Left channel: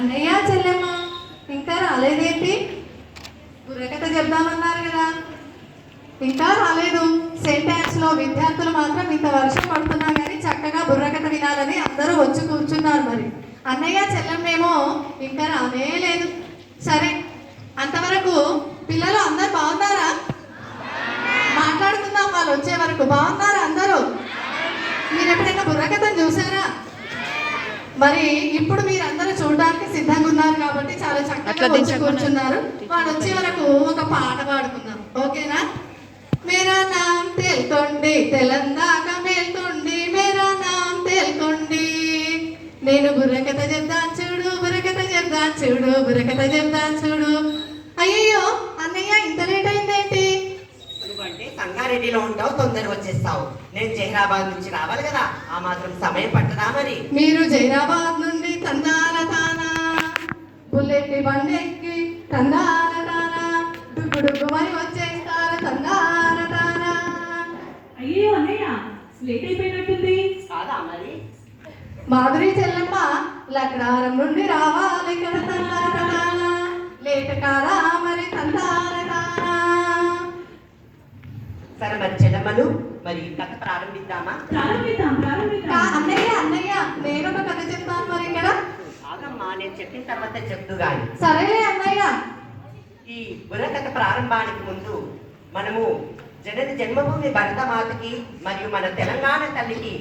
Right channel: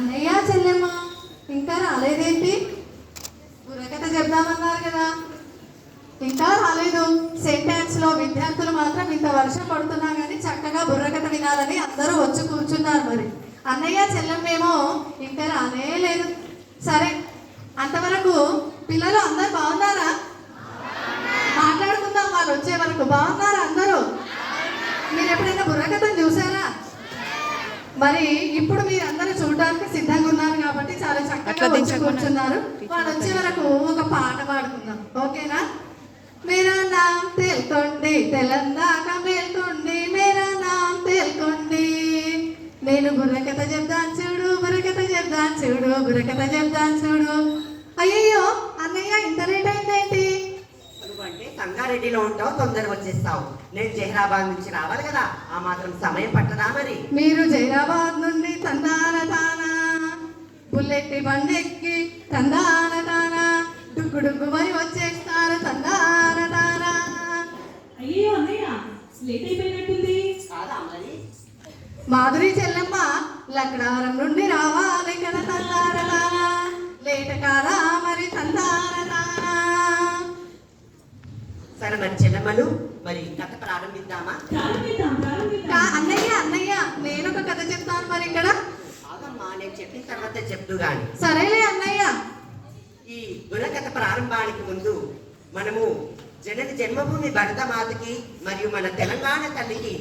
అన్నయ్య చెల్లెమ్మ ఇంకా రాలేదేంటి? బుర్రకథ చెప్దామన్నారు కదా, ఇంకా రాలేదు. సెంటాక్స్ లో విద్యార్థులు మాత్రం ఇంత వర్షం పడుతున్నా కానీ చక్కగా బుర్రకథ వినాలని అందరూ వచ్చి కూర్చున్నారు. మరి అన్నయ్య చెల్లెమ్మేమో ఇంకా రానే లేదు. సరే, అంతవరకు పిల్లలు అందరు బాగున్నారా? మాట్లాడుకుందాం వాళ్ళు వచ్చే వరకు. బాగున్నారా అందరూ? మీరు ఎప్పుడైనా బుర్రకథను చూసారా? మరి ఇప్పుడు మీరందరూ చూడడానికి సిద్ధంగా ఉన్నారు కాబట్టి చాలా చక్కగా కూర్చున్నారు. వాడు వచ్చే వరకు ఒక పాట పాడుకుందాం, ఓకేనా? మేరా నామ్ తేల్కొండి, తెలంగాణ మేల్కొండి, మేరా నామ్ తేల్కొండి. నేను బుర్రకథ చెప్తాను చూడు, బుర్రకథ చెప్తాను చూడు, బుర్రకథ చెప్తాను చూడు. అయ్యో అన్నయ్య, ఇంత లేట్ అయిందేంటి? నువ్వంటే సంగారెడ్డిలో ఉంటావు, తొందర వచ్చేస్తావు. నేను జహీరాబాద్ నుంచి రావాలి కదా, ఆ మాత్రం సమయం పట్టదా మరి? మీరు జహీరాబాద్ నుండి తందాన తానా బుల్లెట్ బండెక్కి తందాన తానా డుగ్గు మరి వచ్చేస్తాను తందాన తానా. అయ్యో అన్నయ్య, లేట్ అయిపోయినట్టుంది. కాదా మరి? మాధురి చెల్లెమ్మ లక్డారం నుండి రావాలి కదా తందాన తానా, లేట్ కారా మరి తందాన తానా. సరే మరి చెల్లెమ్మలు, మరి కథ ప్రారంభిద్దామా? ప్రారంభిద్దాం. అన్నయ్య అన్నయ్య, నేను ఒక కథ చెప్తాను మరి ఇక్కడ. ఆగమ్మా, నేను చెప్పిన తర్వాత చెప్తూ గాని. సరేలే అన్నయ్య. ఈ బుర్రకథ ప్రారంభానికి ముందు మనము జనని జన్మభూమి భరతమాతకి మరియు మన తెలంగాణ తల్లికి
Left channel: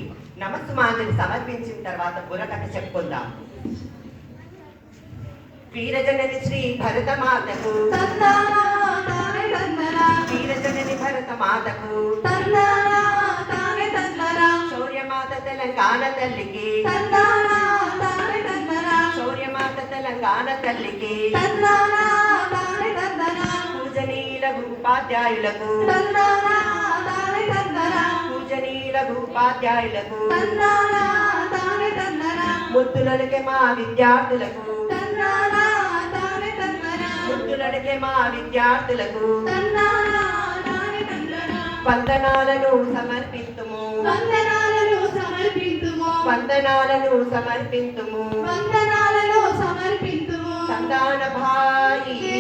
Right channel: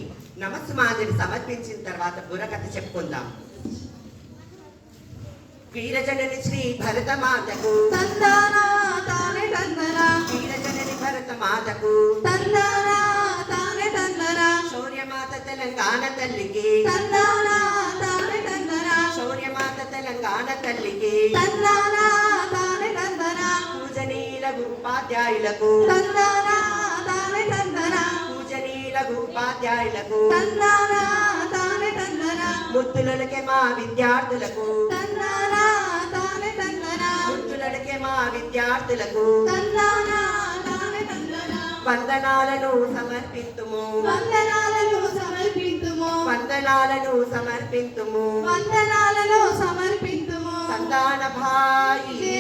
నమస్సుమాంజలి సమర్పించిన తర్వాత బుర్రకథ చెప్పుకుందాం. వీరజనని శ్రీ భరతమాతకు, వీరజనని భరతమాతకు, శౌర్యమాత తెలంగాణ తల్లికి, శౌర్యమాత తెలంగాణ తల్లికి, పూజనీయులకు ఉపాధ్యాయులకు, పూజనీయులకు ఉపాధ్యాయులకు, ముద్దులకే మా విద్యార్థులకు, ముద్దులకే మా విద్యార్థులకు వందనాలను సమర్పితుము, వందనాలను సమర్పితుము. సంతాన భాయి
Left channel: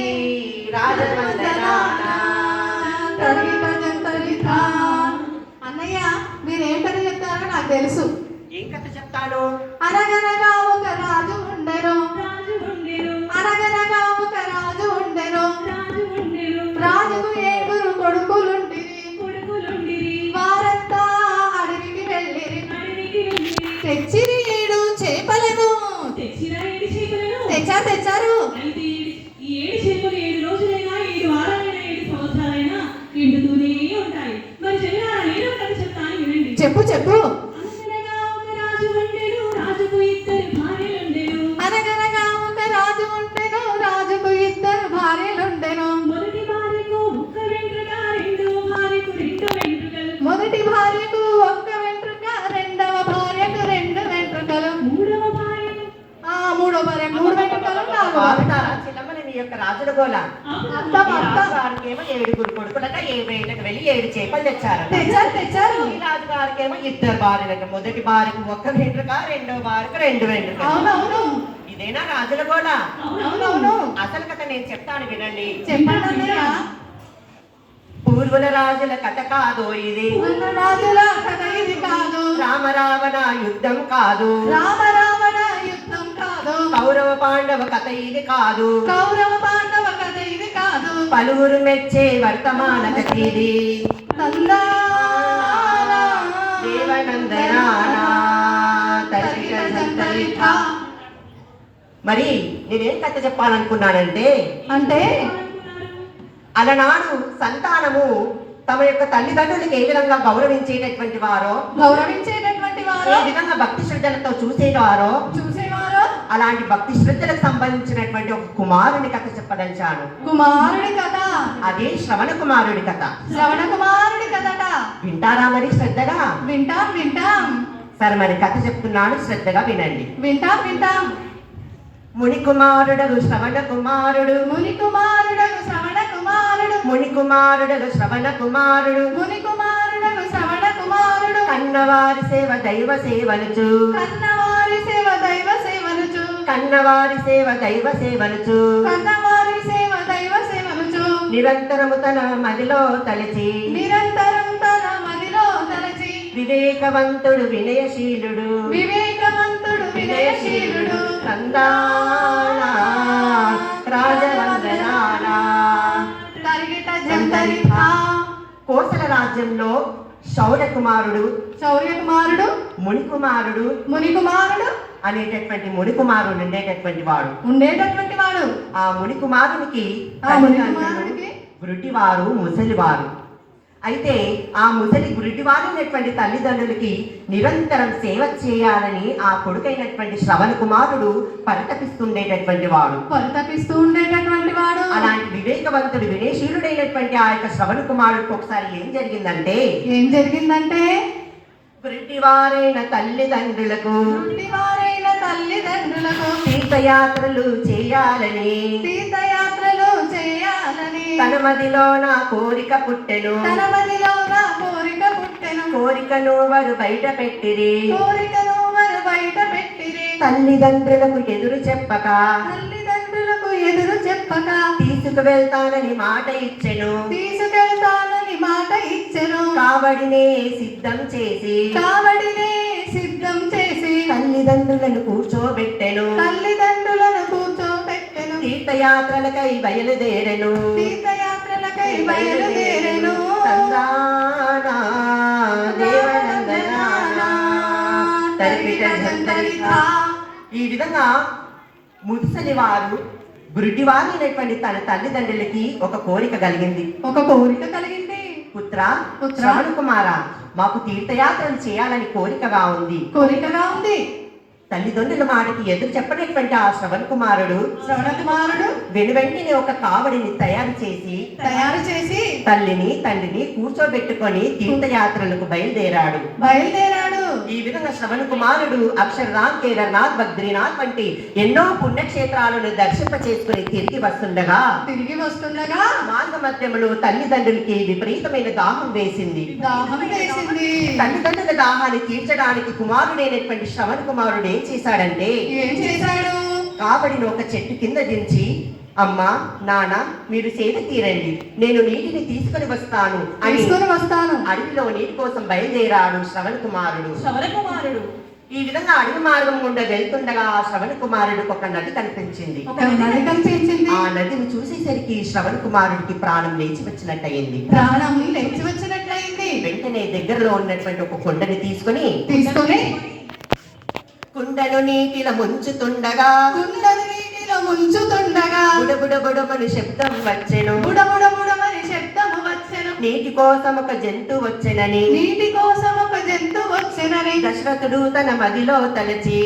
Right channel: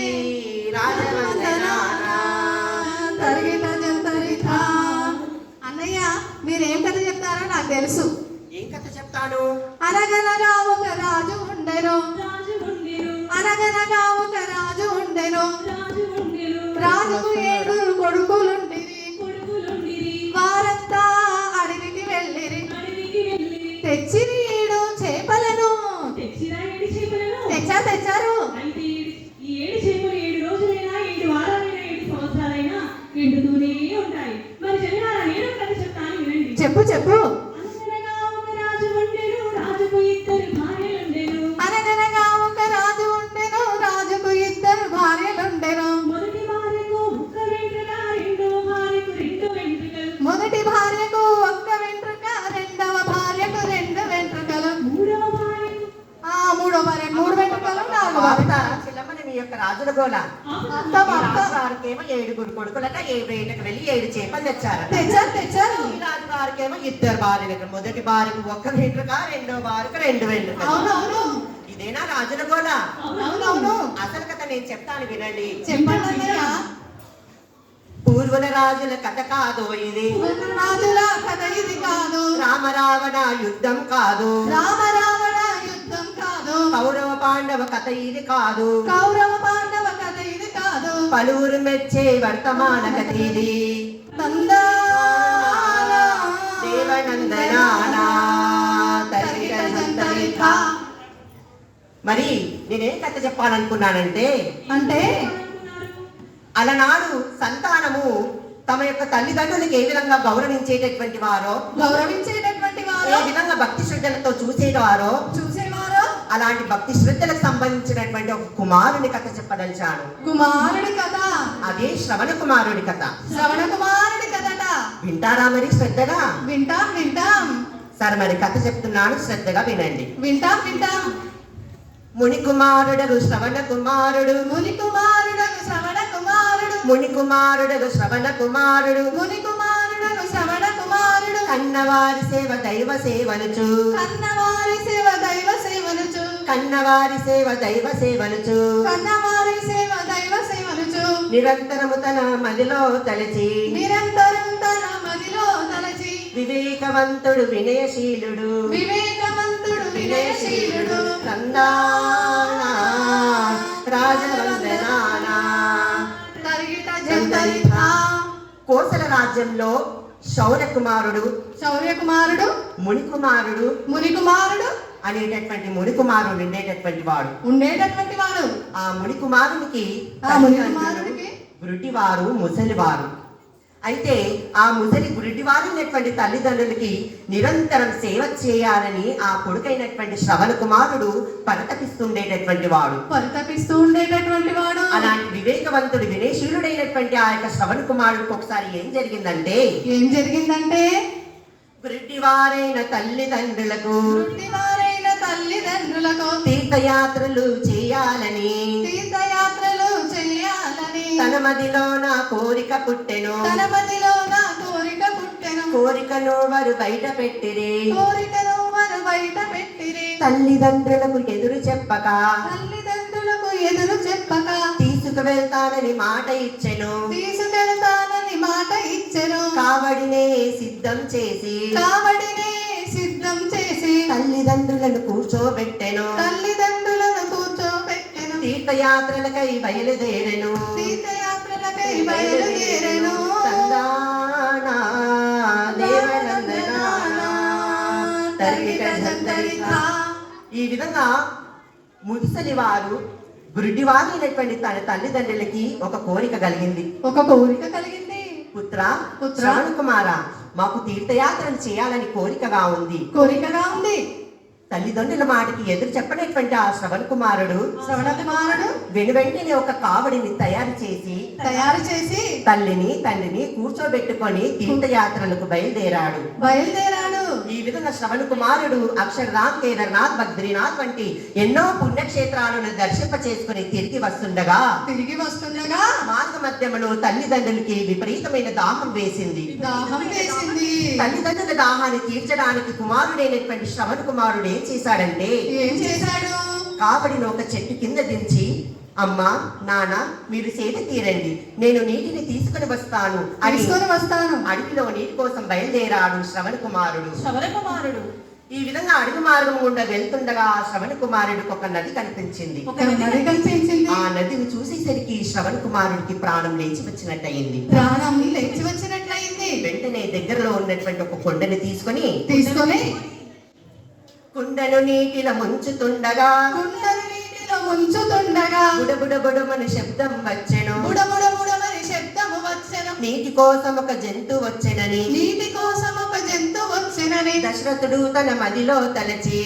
రాజవందనాన. అన్నయ్య, మీరేం కథ చెప్తారో నాకు తెలుసు. ఏం కథ చెప్తాను? అనగనగా ఒక రాజు ఉండెను, అనగనగా ఒక రాజు ఉండెను, రాజుకు 7 కొడుకులుండిరి, వారంతా అడవికి వెళ్ళిరి, తెచ్చిరి 7 చేపలను. తెచ్చారు. అయితే ఈ 7 చేపలు 7 రోజులైనా 7 వారాలైనా 7 సంవత్సరాలైనా ఎండుతూనే ఉంటాయి. మరి జనాల నేను కథ చెప్తాను, వినండి. చెప్పు. అనగనగా ఒక రాజు ఉండెను, రాజుకు 2 భార్యలుండెను. అనగనగా ఒక రాజు ఉండెను, రాజుకు 2 భార్యలుండెను. మొదటి భార్యకు 1 వెంట్రుక, రెండవ భార్యకు 2 వెంట్రుకలు. మొదటి భార్యకు 1 వెంట్రుక, రెండవ భార్యకు 2 వెంట్రుకలు. మూడవ భార్యకు మూడో భార్య 3 వెంట్రుకలు, 4 వెంట్రుకలు. చిన్నమ్మని నీ యొక్క రాజుల గోల. రాజుగారికేమో 7 కొడుకులట, 7 వేటకు వెళ్ళి 7 చేపలు తెచ్చారు. ఈ రాజుగారికేమో 2 భార్యలకు, మొదటి భార్యకు 1 వెంట్రుక, రెండవ భార్యకు 2 వెంట్రుకలు. ఇదేనా రాజుల గోల? అసలు కథ నేను చెప్తాను, వినండి. పూర్వుల రాజుల కథ కాదు ఇది, రామరావణ యుద్ధం కాదు, కౌరవ పాండవ కథ ఇది కాదు, పలువురు మెచ్చే వర్తమాన కథ ఇది. మరి నేనేం కథ చెప్పాలనుకున్నానంటే, అలనాడు సంతానము తమ యొక్క తల్లిదండ్రులకు ఏ విధంగా గౌరవించేటటువంటి వారో, ఏ విధంగా భక్తి శ్రద్ధలతో చూసేవారో అలాంటి భక్తి శ్రద్ధలకు సంబంధించినటువంటి ఒక కుమారుని కథ చెప్పదలిచాను. అదే శ్రవణ కుమారుడి కథ. వింటారా మరి శ్రద్ధగా? వింటాం. సరే మరి కథ చెప్తున్నాను, శ్రద్ధగా వినండి. వింటాం. ముని కుమారుడు శ్రవణ కుమారుడు, ముని కుమారుడు శ్రవణ కుమారుడు, కన్నవారి సేవ దైవ సేవలుచు, కన్నవారి సేవ దైవ సేవనుచు కన్నవారి సేవ దైవ సేవనుచు నిరంతరము తన మదిలో తలచి నిరంతరం తన మదిలో తలచి వివేకవంతుడు వినయశీలుడు వివేకవంతుడు వినయశీలుడు కందానా రాజవందనాలా. తరిగిట జంతరిత కోసల రాజ్యంలో శౌర్యకుమారుడు శౌర్యకుమారుడు మునికుమారుడు మునికుమారుడు అనేటటువంటి మునికుమారుడు ఉండేటటువంటి వాడు. ఆ మునికుమారునికి మునికుమారునికి గురుటివారు ముసలివారు. అయితే ఆ ముసలి గురిటివారు ఉన్నటువంటి తల్లిదండ్రులకి నిరంతరం సేవ చేయాలని ఆ కొడుకైనటువంటి శ్రవణ కుమారుడు పరితపిస్తుండేటటువంటి వాడు. అలాంటి వివేకవంతుడు వినయశీలుడైనటువంటి ఆ యొక్క శ్రవణ కుమారుడికి ఒకసారి ఏం జరిగిందంటే గురిటివారైన తల్లిదండ్రులకు తీర్థయాత్రలు చేయాలని తన మదిలో నా కోరిక పుట్టెను. కోరికను వారు బయట పెట్టిరి. తల్లిదండ్రులకు ఎదురు చెప్పక తీసుకువెళ్తానని మాట ఇచ్చెను. కావడినే సిద్ధం చేసి తల్లిదండ్రులను కూర్చోబెట్టెను. తీర్థయాత్రలకై బయలుదేరెను. తందానా దేవనందనానా తరిగిట జంతరిత. ఈ విధంగా ముసలి వారు గురుడివారు అయినటువంటి తన తల్లిదండ్రులకి ఒక కోరిక కలిగింది. పుత్ర శ్రవణ కుమార, మాకు తీర్థయాత్రలు చేయాలని కోరికగా ఉంది. తల్లిదండ్రుల మాటకి ఎదురు చెప్పనటువంటి ఆ శ్రవణ కుమారుడు వెనువెంటనే ఒక కావడిని తయారు చేసి తల్లిని తండ్రిని కూర్చోబెట్టుకొని తీర్థయాత్రలకు బయలుదేరాడు. ఈ విధంగా శ్రవణ కుమారుడు అక్షరనాథ్, కేదార్నాథ్, బద్రీనాథ్ వంటి ఎన్నో పుణ్యక్షేత్రాలను దర్శింప చేసుకుని తిరిగి వస్తుండగా మార్గ మధ్యములో తల్లిదండ్రులకి విపరీతమైన దాహం వేసింది. తల్లిదండ్రుల దాహాన్ని తీర్చడానికి కుమారుడైనటువంటి శ్రవణ కుమారుడు ఏం చేశాడంటే కావడిని ఒక చెట్టు కింద దించి, అమ్మా నాన్న మీరు సేద తీరండి, నేను నీటిని తీసుకుని వస్తాను అని అడవిలో నీటి కోసం బయలుదేరాడు శ్రవణ కుమారుడు. ఈ విధంగా అడవి మార్గం గుండా వెళ్తుండగా శ్రవణ కుమారుడికి ఒక నది కనిపించింది. ఆ నదిని చూసేసరికి శ్రవణ కుమారుడికి ప్రాణం లేచి వచ్చినట్టయింది. వెంటనే దగ్గరలో ఉన్నటువంటి ఒక కొండని తీసుకుని కుండను నీటిలో ముంచుతుండగా బుడబుడబుడమని శబ్దం వచ్చెను. నీటి కోసం ఒక జంతువు వచ్చెనని దశరథుడు తన మదిలో తలచి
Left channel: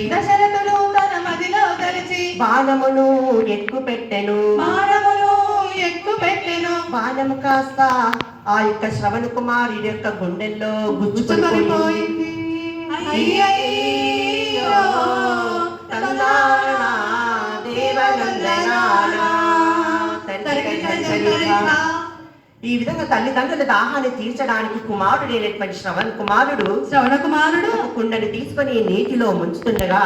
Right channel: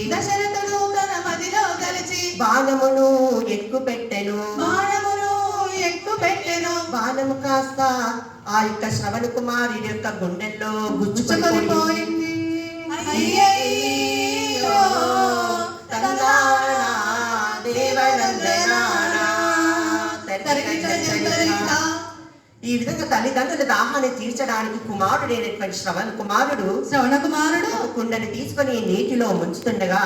బాణమును ఎక్కుపెట్టెను. బాణము కాస్త ఆ యొక్క శ్రవణ కుమారుడి యొక్క గుండెల్లో గుచ్చుకుపోయింది. ఈ విధంగా తల్లిదండ్రుల దాహాన్ని తీర్చడానికి కుమారుడైనటువంటి శ్రవణ కుమారుడు కుండని తీసుకొని నీటిలో ముంచుతుండగా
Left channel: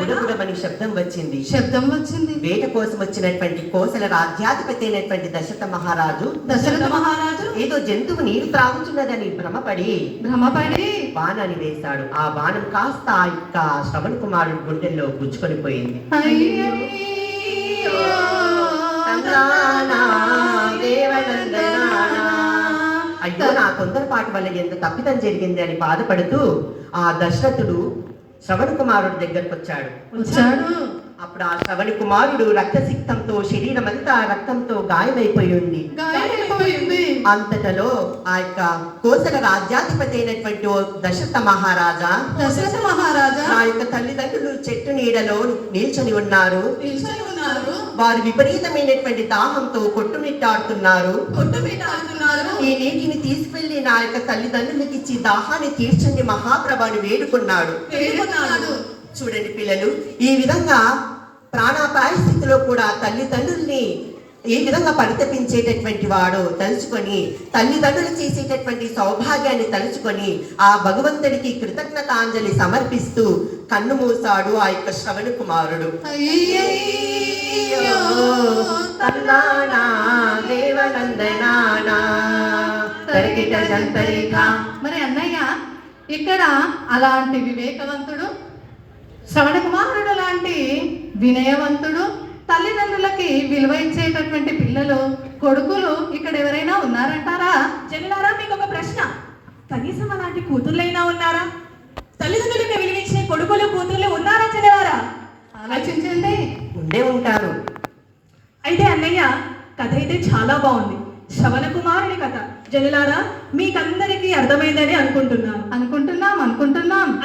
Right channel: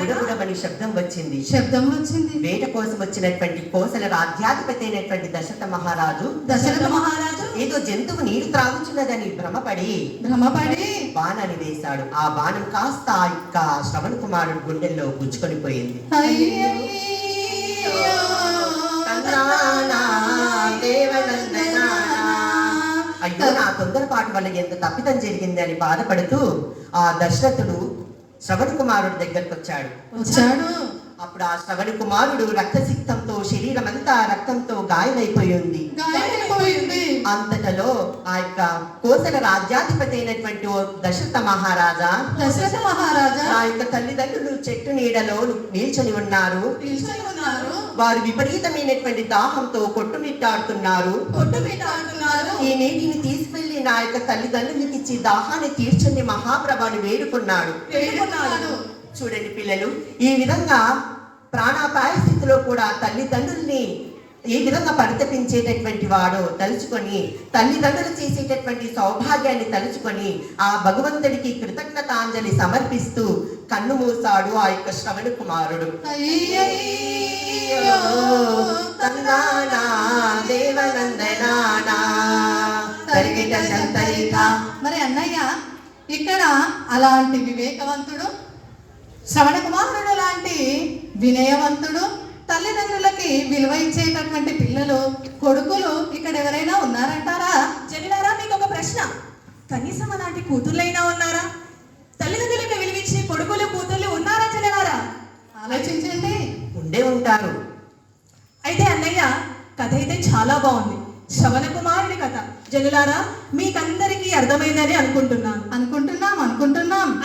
బుడబుడమని శబ్దం వచ్చింది. వేట కోసం వచ్చినటువంటి కోసల రాజ్యాధిపతి అయినటువంటి దశరథ మహారాజు ఏదో జంతువు నీరు త్రాగుతున్నదని భ్రమపడి బాణాన్ని వేశాడు. ఆ బాణం కాస్త ఆ యొక్క శ్రవణ కుమారుడు గుండెల్లో గుచ్చుకొని పోయింది. అయ్యో నా తొందరపాటు వల్ల ఎంత తప్పిదం జరిగింది అని బాధపడుతూ ఆ దశరథుడు శ్రవణ కుమారుడి దగ్గరకు వచ్చాడు. అప్పుడు ఆ శ్రవణ కుమారుడు రక్తసిక్తంతో శరీరం అంతా రక్తంతో గాయమైపోయింది. అంతటలో ఆ యొక్క కోసల రాజ్యాధిపతి అయినటువంటి దశరథ మహారాజా ఆ యొక్క తల్లిదండ్రులు చెట్టు నీడలో నిల్చొని ఉన్నారు. వారు విపరీతమైనటువంటి దాహంతో కొట్టుమిట్టాడుతున్నారు. ఈ నీటిని తీసుకెళ్లి నా యొక్క తల్లిదండ్రులకి ఇచ్చి దాహాన్ని తీర్చండి మహాప్రభుని వేడుకున్నాడు. చూడండి పిల్లలు, ఈ విధంగా ప్రాణాపాయ స్థితిలో కూడా తల్లిదండ్రుల్ని ఏ విధంగా పరితపించేటటువంటి వాడు తలుచుకొని తల్లిదండ్రులు చేసేటటువంటి సౌభాగ్యాన్ని తలుచుకొని ఆ భగవంతుడికి కృతజ్ఞతాంజలి సమర్పిస్తూ కన్ను మూసాడు ఆ యొక్క శ్రవణ కుమారుడు. అయ్యయ్యో తన్నానా దేవనందనానా తరిగిట జంతరిత. మరి అన్నయ్య ఇక్కడ అలాంటి వివేకవంతుడు, శ్రవణ కుమారుడు లాంటి వినయవంతుడు, తల్లిదండ్రులకి విలువ ఇచ్చేటటువంటి పిల్లలు, కొడుకులు ఇక్కడ ఎవరైనా ఉన్నారంటారా? జనులారా, మీకు ఒక ప్రశ్న. కనీసం అలాంటి కూతుర్లైనా ఉన్నారా? తల్లిదండ్రులకు విలువించే కొడుకులు కూతుర్లు ఉన్నారా జనులారా? ఆలోచించండి. ఉండే ఉంటారు. అయితే అన్నయ్య, కథ అయితే చాలా బాగుంది. శ్రవణ కుమారుని కథ. జనులారా, మీకందరికీ అర్థమైందని అనుకుంటున్నాం.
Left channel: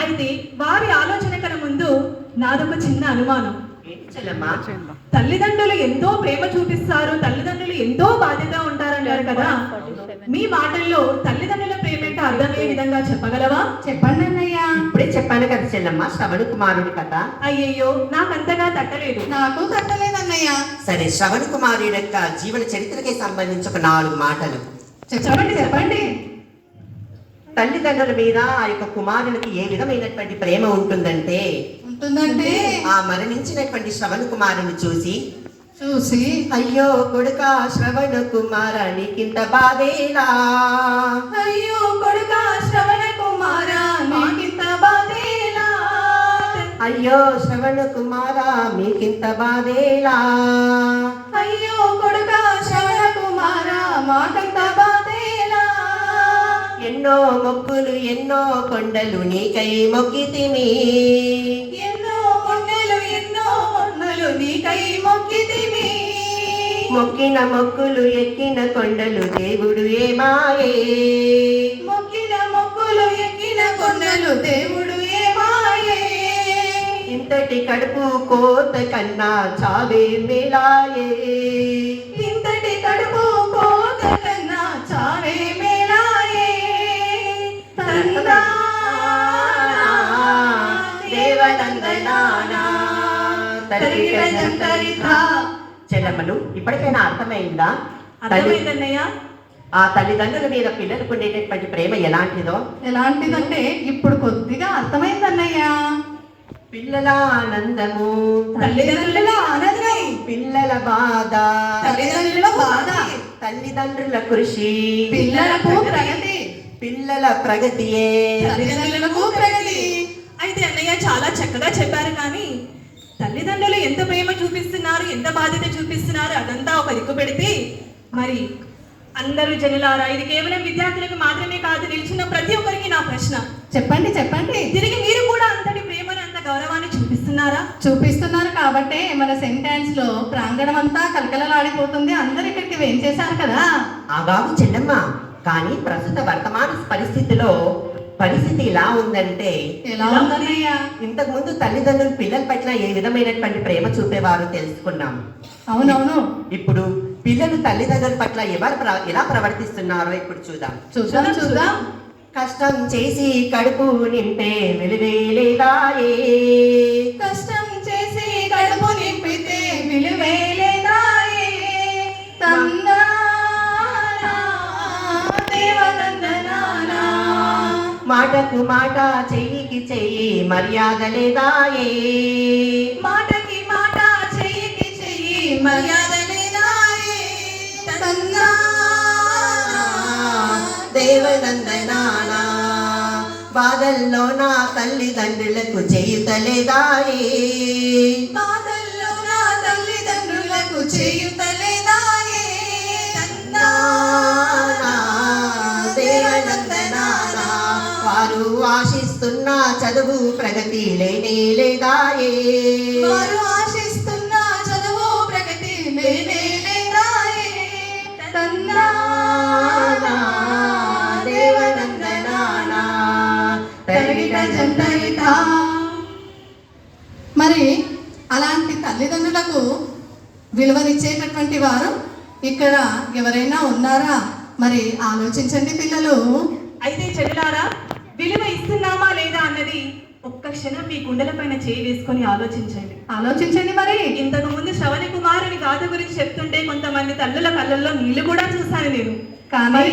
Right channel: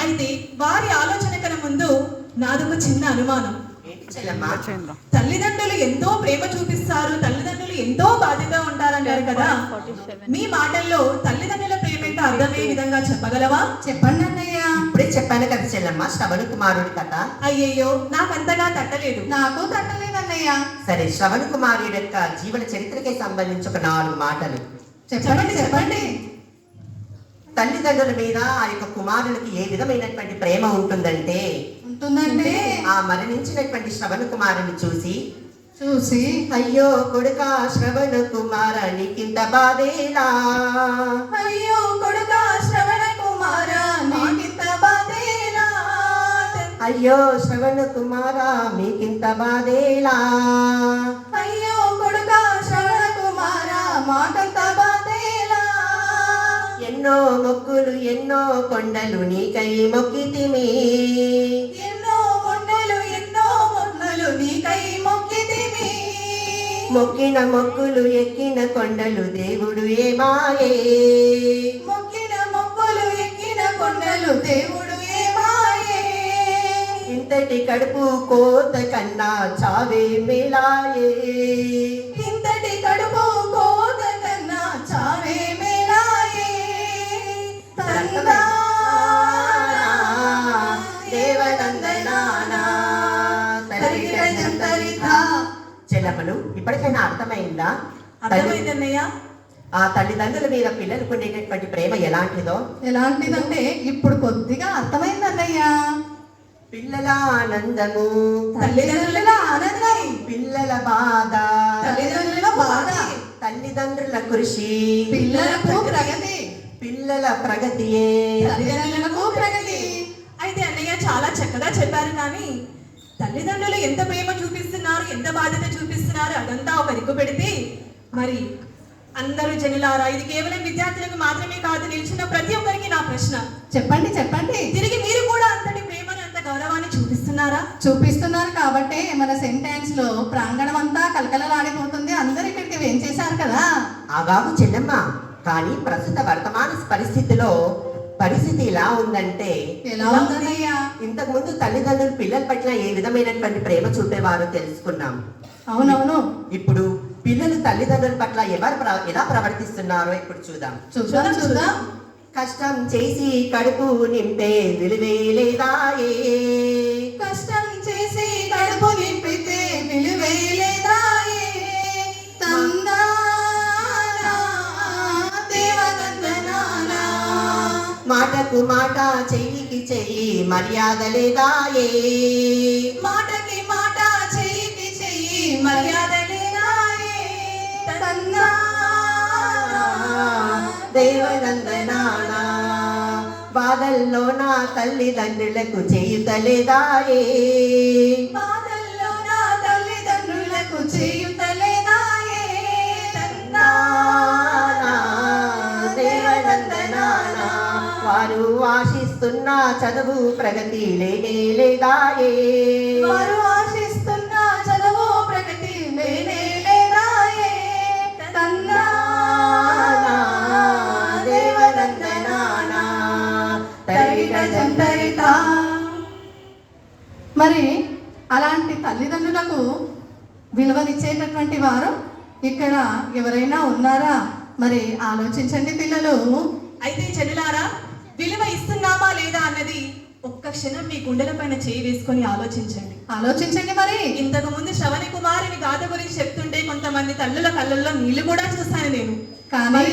అయితే వారి ఆలోచన కన్నా ముందు నాదొక చిన్న అనుమానం. ఏంటి చెల్లెమ్మా? తల్లిదండ్రులు ఎంతో ప్రేమ చూపిస్తారు, తల్లిదండ్రులు ఎంతో బాధ్యత ఉంటారన్నారు కదా. మీ మాటల్లో తల్లిదండ్రుల ప్రేమ ఏంటో అర్థమయ్యే విధంగా చెప్పగలవా? చెప్పండి అన్నయ్య. ఇప్పుడే చెప్పాను కదా చెల్లెమ్మ, శ్రవణ కుమారుడి కథ. అయ్యయ్యో, నాకంతగా తట్టలేదు. నాకు తట్టలేదు అన్నయ్య. సరే, శ్రవణ కుమారుడి యొక్క జీవన చరిత్రకి సంబంధించి ఒక 4 మాటలు చెప్పండి. తల్లిదండ్రుల మీద ఆ యొక్క కుమారునికి ఏ విధమైనటువంటి ప్రేమ ఉంటుందంటే ఆ మరణించినటువంటి శ్రవణ కుమారుని చూసి అయ్యో కొడుక శ్రవణ కుమార నీకింత బాధేలా, అయ్యో కొడుక శ్రవణ కుమార నీకింత బాధేలా, అయ్యో శ్రవణ కుమార మీకింత బాధేలా, అయ్యో కొడుక శ్రవణ కుమార మాకింత బాధేలా. ఎన్నో మొక్కులు ఎన్నో కొండలు నీకై మొక్కితిమి, ఎన్నో కొండలు ఎన్నో మొన్నలు నీకై మొక్కితిమి, మొక్కిన మొక్కులు ఎక్కిన కొండలు దేవుడు ఏమాయే, మొక్కిన మొక్కులు ఎక్కిన కొండలు దేవుడు ఏమాయే. ఇంతటి కడుపు కోత కన్నా చావే మేలాయే, ఇంతటి కడుపు కోత కన్నా చావే మేలాయే. తందానా దేవనందనానా తరిగిట జంతరిత. చెల్లమ్మలు, ఇప్పటికైనా అర్థమైందా అర్థమైందన్నయ్య. ఆ తల్లిదండ్రుల మీద పిల్లలకు ఉండేటటువంటి ప్రేమ ఎలాంటిదో? ఎలాంటిదంటే ఇప్పుడు కొద్దిగా అర్థమైందన్నయ్య. పిల్లల ఆనందము తల్లిదండ్రుల ఆనందం, పిల్లల బాధ తల్లిదండ్రుల బాధ, తల్లిదండ్రుల కృషి పిల్లలకు ప్రగతి, పిల్లల ప్రగతియే తల్లిదండ్రులకు ప్రగతి. అయితే అన్నయ్య చాలా చక్కగా చెప్పారు. కానీ తల్లిదండ్రులు ఎంత ప్రేమ చూపిస్తున్నారు, ఎంత బాధ్యత చూపిస్తున్నారు అదంతా ఒక దిక్కు పెడితే, మరి అందరూ జనులారా, ఇది కేవలం విద్యార్థులకు మాత్రమే కాదు, నిలిచిన ప్రతి ఒక్కరికి నా ప్రశ్న. చెప్పండి. తిరిగి మీరు కూడా అంతటి ప్రేమను, అంత గౌరవాన్ని చూపిస్తున్నారా? చూపిస్తున్నారు కాబట్టే మన సెంటెన్స్ లో ప్రాంగణం అంతా కలకలలాడిపోతుంది. అందరు ఇక్కడికి వేంచేశారు కదా. ఆగాగు చెల్లెమ్మ, కానీ ప్రస్తుత వర్తమాన పరిస్థితి ఎలా ఉందంటే, ఎలా ఉందన్నయ్య? ఇంతకు ముందు తల్లిదండ్రులు పిల్లల పట్ల ఏ విధమైనటువంటి ప్రేమ చూపేవారో తెలుసుకున్నాం. అవునవును. ఇప్పుడు పిల్లలు తల్లిదండ్రుల పట్ల ఎలా ప్రవర్తిస్తున్నారో ఇప్పుడు చూద్దాం. కష్టం చేసి కడుపు నింపే విలువే లేదాయే, కష్టం చేసి కడుపు నింపితే విలువే లేదాయే. తందానా దేవనందనానా, మాటకు మాట చెయ్యికి చెయ్యి మర్యాద లేదాయే, మాటకి మాట చెయ్యికి చెయ్యి మర్యాద లేదాయే. తందానా దేవనందనానా, బాధల్లో నా తల్లిదండ్రులకు చేయుతలేదాయే, బాధల్లో నా తల్లిదండ్రులకు చేయుతలేదాయే. నానా దేవనందనానా, వారు ఆశిస్తున్న చదువు ప్రగతి లేనే లేదాయే, వారు ఆశిస్తున్న చదువు ప్రగతి లేనే లేదాయే. నానా దేవనందనానా తరిగిట జంతరిత. మరి అలాంటి తల్లిదండ్రులకు విలువనిచ్చేటటువంటి వారు ఇక్కడ ఎవరైనా ఉన్నారా? మరి ఆలోచించండి పిల్లలు. అయితే చెల్లారా, విలువ ఇస్తున్నామా లేదా అన్నది ఒక్క క్షణం మీ గుండెల పైన చేయి వేసుకొని ఆలోచించండి. మరి ఇంతకు ముందు శ్రవణ కుమారుని గాథ గురించి చెప్తుంటే కొంతమంది తల్లుల కళ్ళల్లో నీళ్లు కూడా చూశాను నేను. కానీ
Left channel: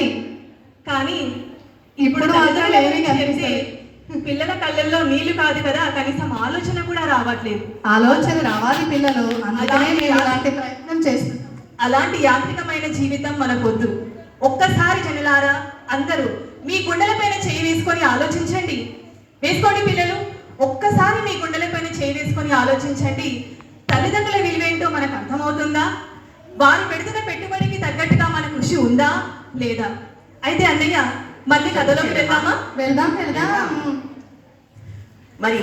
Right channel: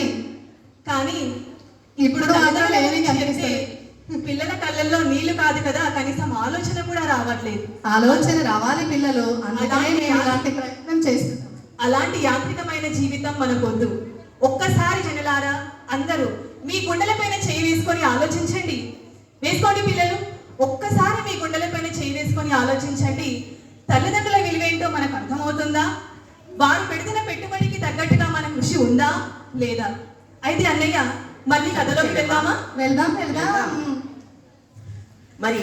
కానీ ఇప్పుడు మాత్రం తల్లిదండ్రుల ఏమీ గురించి చెప్తే కనిపిస్తలేదు. పిల్లల కళ్ళల్లో నీళ్లు కాదు కదా, కనీసం ఆలోచన కూడా రావట్లేదు. ఆలోచన రావాలి పిల్లలు, అందుకనే నేను ఇలాంటి ప్రయత్నం చేస్తున్నాను. అలాంటి యాంత్రికమైన జీవితం మనకొద్దు. ఒక్కసారి జనులారా అందరూ మీ గుండెలపైన చేయి వేసుకొని ఆలోచించండి. వేసుకోండి పిల్లలు, ఒక్కసారి మీ గుండెలపైన చేయి వేసుకొని ఆలోచించండి. తల్లిదండ్రుల విలువేంటో మనకు అర్థమవుతుందా? వారు పెడుతున్న పెట్టుబడికి తగ్గట్టుగా మన కృషి ఉందా లేదా? అయితే అన్నయ్య మళ్ళీ కథలోకి వెళ్దామా? వెళ్దాం వెళ్దాం. మరి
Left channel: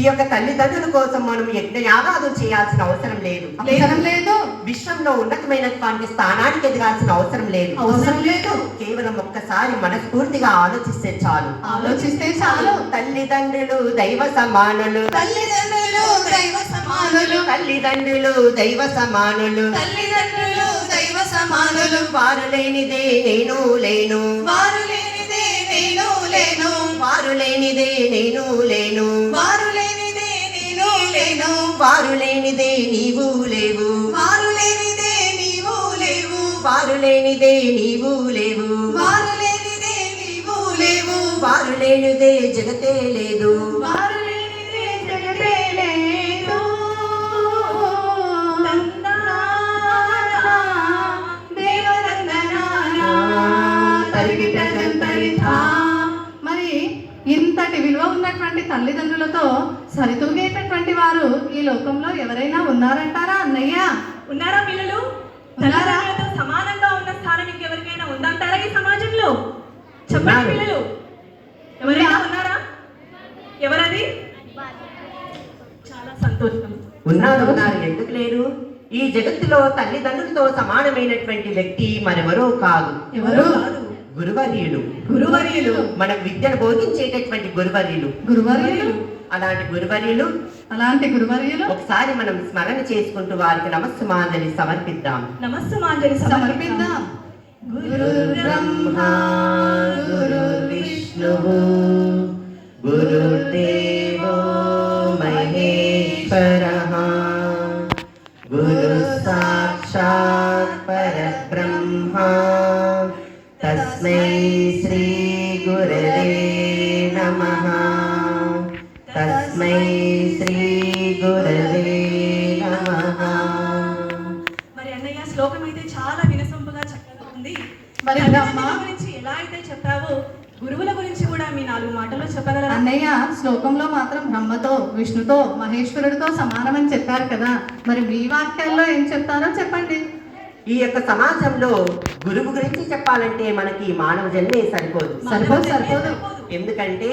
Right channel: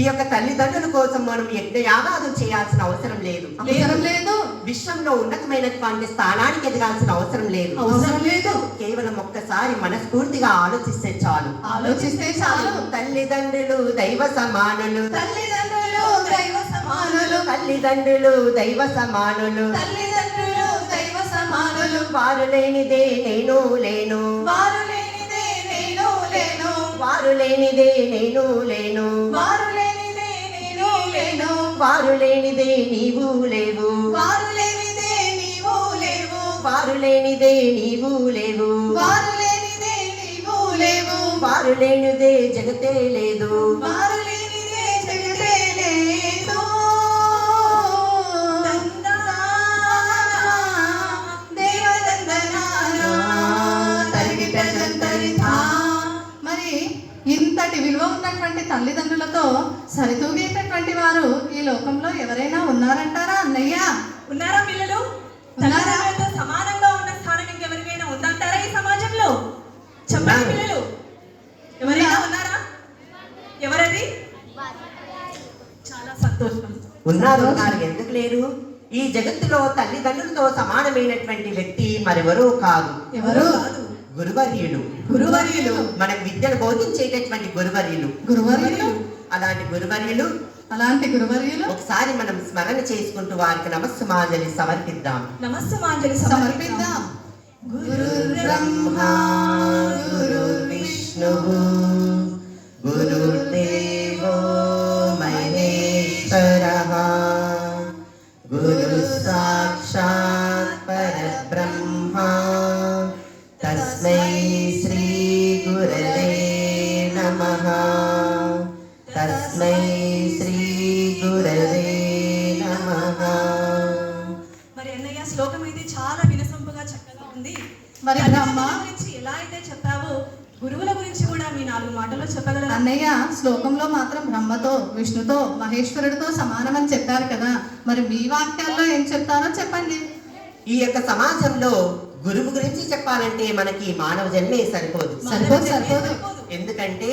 ఈ యొక్క తల్లిదండ్రుల కోసం మనం యజ్ఞయాగాదులు చేయాల్సిన అవసరం లేదు. అవసరం లేదు. విశ్వంలో ఉన్నతమైనటువంటి స్థానానికి ఎదగాల్సిన అవసరం లేదు. అవసరం లేదు. కేవలం ఒక్కసారి మనస్ఫూర్తిగా ఆలోచిస్తే చాలు. ఆలోచిస్తే చాలు. తల్లిదండ్రులు దైవ సమానులు. తల్లిదండ్రులు దైవ సమానులు. తల్లిదండ్రులు దైవ సమానులు. తల్లిదండ్రులు దైవ సమానులు. వారు లేనిదే నేను లేను. వారు లేనిదే నేను లేను. వారు లేనిదే నేను లేను. వారు లేనిదే నేను లేను. వారు లేనిదే నీవు లేవు. వారు లేనిదే నీవు లేవు. వారు లేనిదే నీవు లేవు. వారు లేనిదే నీవు లేవు. వారు లేనిదే జగతే లేదు. వారు లేనిదే జగతే లేదు. దందనానా, దేవదందనానా, తరిగిట జంతరితా. మరి ఇంతటి విలువ ఉన్నటువంటి తల్లిదండ్రులతో సరితూగేటటువంటి వారు ఈ లోకంలో ఎవరైనా ఉన్నారంటారా అన్నయ్య? ఉన్నారా పిల్లలు? ఉన్నారా? తల్లిదండ్రులతో సమానంగా ఉన్న స్థానం ఇంకెవరికైనా ఉందంటారా ఈ సమాజంలో? చెప్పండి పిల్లలు, ఎవరైనా ఉన్నారా? ఎవరది? చాలా సంతోషం. ఉన్నారు ఉన్నారు, ఎందుకు లేరు? ఈ జగత్తులో తల్లిదండ్రులతో సమానమైనటువంటి వ్యక్తి మరెవరో కాదు. ఎవరు? గురువర్యులు. గురువర్యులు. మనకు విద్యను బోధించేటటువంటి గురువర్యులు. గురువర్యులు. అలాంటి గురువర్యులు అలాంటి గురువర్యులు ఒకసారి మనం స్మరణ చేసుకుంటూ వారికి నమస్సుమాంజలి సమర్పిద్దాం. నమస్సుమాంజలి సమర్పిద్దాం. గురు బ్రహ్మ గురు విష్ణు గురుదేవో మహేశ్వరః గురు సాక్షాత్ పరబ్రహ్మ తస్మై శ్రీ గురవే నమః. తస్మై శ్రీ గురవే నమః. మరి అన్నయ్య శ్లోకం అయితే చాలా వినసొంపుగా చక్కగా ఉంది. మరి తల్లిదండ్రుల బ్రహ్మ గురించి ఎలా అయితే చెప్పావో గురువుల గురించి కూడా మీ 4 మాటల్లో చెప్పగలరా? అన్నయ్య శ్లోకంలో మాత్రం బ్రహ్మతో విష్ణుతో మహేశ్వరుడితో సమానమని చెప్పారు కదా, మరి మీ వాక్యాల్లో ఏం చెప్తారో చెప్పండి. ఈ యొక్క సమాజంలో గురువు గురించి చెప్పాలంటే మనకి మానవ జన్మే సరిపోదు. సరిపోదు. ఎందుకంటే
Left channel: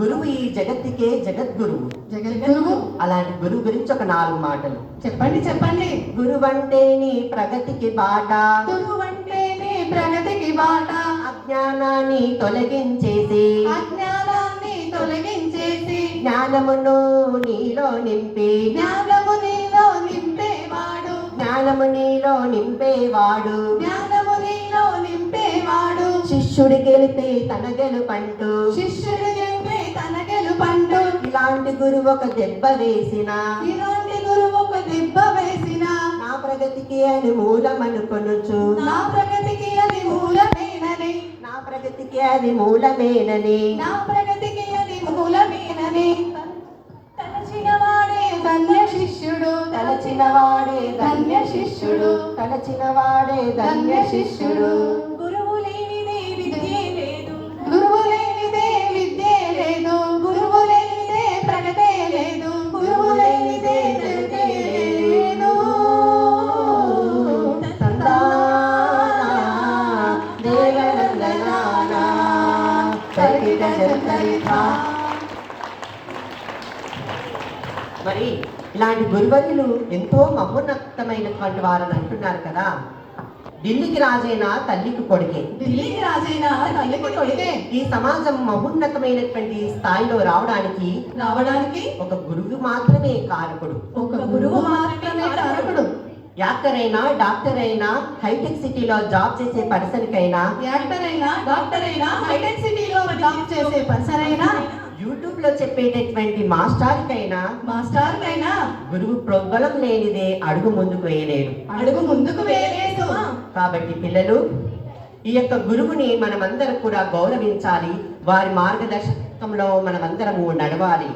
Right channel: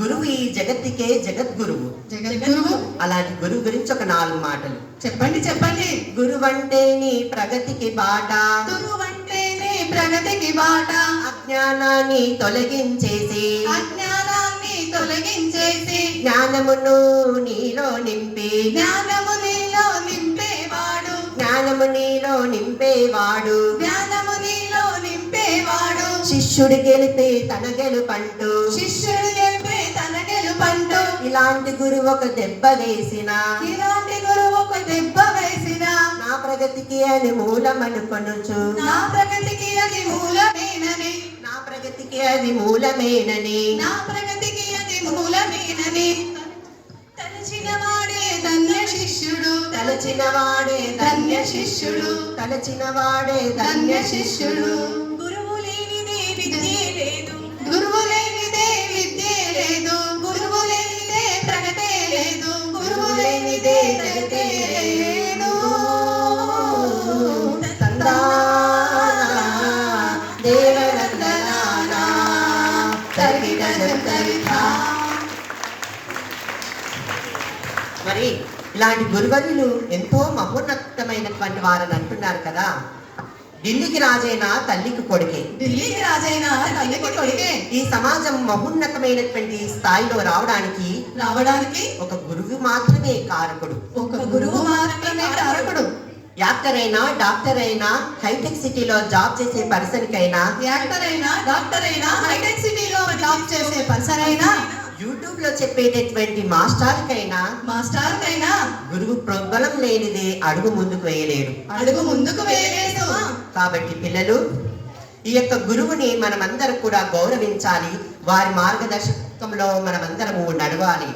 గురువు ఈ జగత్తుకే జగద్గురువు. జగద్గురువు. అలాంటి గురువు గురించి ఒక 4 మాటలు చెప్పండి చెప్పండి. గురువంటే నీ ప్రగతికి బాట. గురువంటే నీ ప్రగతికి బాట. అజ్ఞానాన్ని తొలగించేసి అజ్ఞానాన్ని తొలగించేసి జ్ఞానమును నీలో నింపి జ్ఞానము నీలో నింపేవాడు. జ్ఞానము నీలో నింపేవాడు. జ్ఞానము నీలో నింపేవాడు. శిష్యుడి గెలిపే తన గెలుపంటూ. శిష్యుడు గెలిపే తన గెలుపంటూ. ఇలాంటి గురువు ఒక దెబ్బ వేసిన ఇలాంటి గురువు ఒక దెబ్బ వేసిన నా ప్రగతికి అని మూలమనుకొనుచు. నా ప్రగతికి అది మూలమేనని. నా ప్రగతికి అది మూలమేనని. నా ప్రగతికి అది మూలమేనని. తలచిన వాడే ధన్య శిష్యుడు. తలచిన వాడే ధన్య శిష్యుడు. తలచిన వాడే ధన్య శిష్యుడు. గురువు లేనిదే విద్యే లేదు. గురువు లేనిదే విద్యే లేదు. గురువు లేనిదే ప్రగతే లేదు. గురువు లేనిదే జగతే లేదు. తందానా దేవనందనానా తరిగిట జంతరితా. మరి ఇలాంటి గురువర్యులు ఎంతో మహోన్నతమైనటువంటి వారని అంటున్నారు కదా. ఢిల్లీకి రాజైన తల్లికి కొడుకే. ఢిల్లీకి రాజైన తల్లికి కొడుకే. ఈ సమాజం మహోన్నతమైనటువంటి స్థాయిలో రావడానికి ఒక గురువు మాత్రమే కారకుడు. ఒక గురువు మాత్రమే కారకుడు. యాక్టర్ అయినా డాక్టర్ అయినా హైటెక్ సిటీలో జాబ్ చేసే పర్సన్ కైనా యాక్టర్ అయినా డాక్టర్ అయినా హైటెక్ సిటీలో జాబ్ చేసే పర్సన్ అయినా యూట్యూబ్ లో చెప్పేటటువంటి మాస్టర్ కైనా గురువు ప్రోద్బలం లేనిదే అడుగు ముందుకు వేయలేడు. అడుగు ముందుకు వేయలేదు. కాబట్టి పిల్లలు ఈ యొక్క గురువుని మనమందరం కూడా గౌరవించాలి. వారి మార్గదర్శకంలో మనమందరము నడవాలి.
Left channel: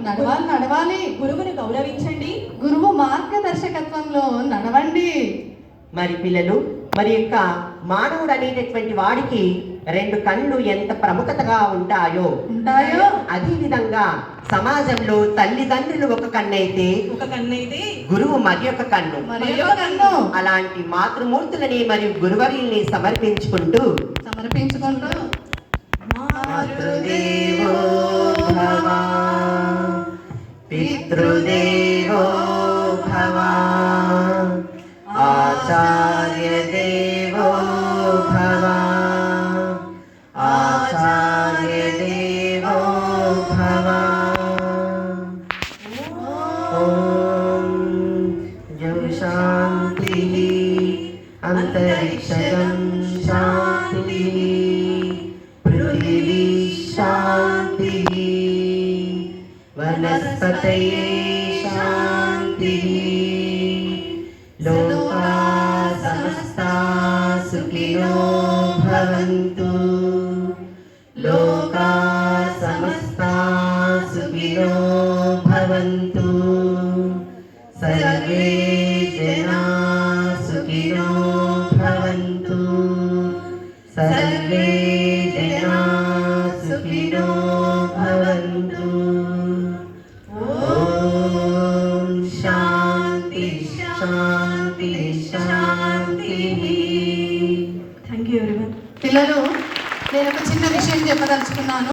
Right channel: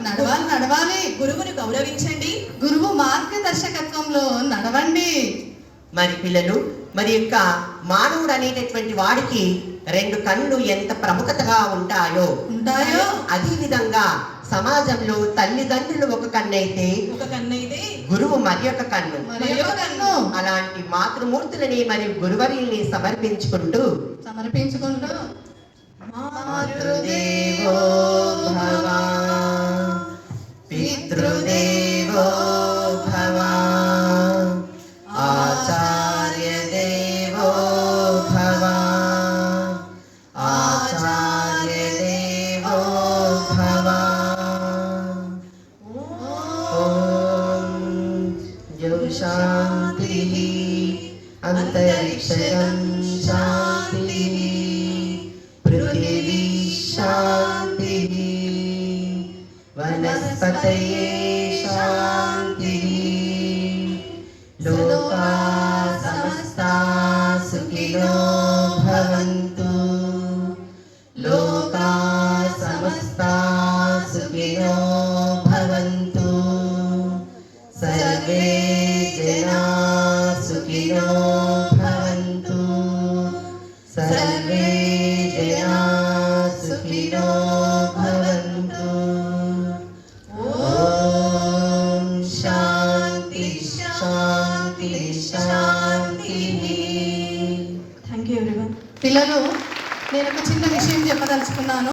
నడవాలి. గురువును గౌరవించండి. గురువు మార్గదర్శకత్వంలో నడవండి. మరి పిల్లలు, మరి యొక్క మానవుడు అనేటటువంటి వాడికి 2 కళ్ళు ఎంత ప్రముఖతగా ఉంటాయో అదే విధంగా సమాజంలో తల్లిదండ్రులు ఒక కన్నైతే గురువు మరి ఒక కన్ను. అలాంటి మాతృమూర్తులని మరి గురువర్యుల్ని సమర్పించుకుంటూ మాతృదేవో భవ పితృదేవో భవ ఆచార్య దేవో భవ ఆచార్య దేవో భవ. ఓం జం శాంతి అంతరిక్షం శాంతి పృథివీ శాంతి వనస్పతయే శాంతి లోకా సమస్తా సుఖినో భవంతు లోకా సమస్తా సుఖినో భవంతు సర్వే జనా సుఖినో భవంతు సర్వే జనా సుఖినో భవంతు. ఓం శాంతి శాంతి శాంతి. Thank you everyone. పిల్లలు, నేను ఒక చిన్న విషయం చెప్పదలుచుకున్నాను.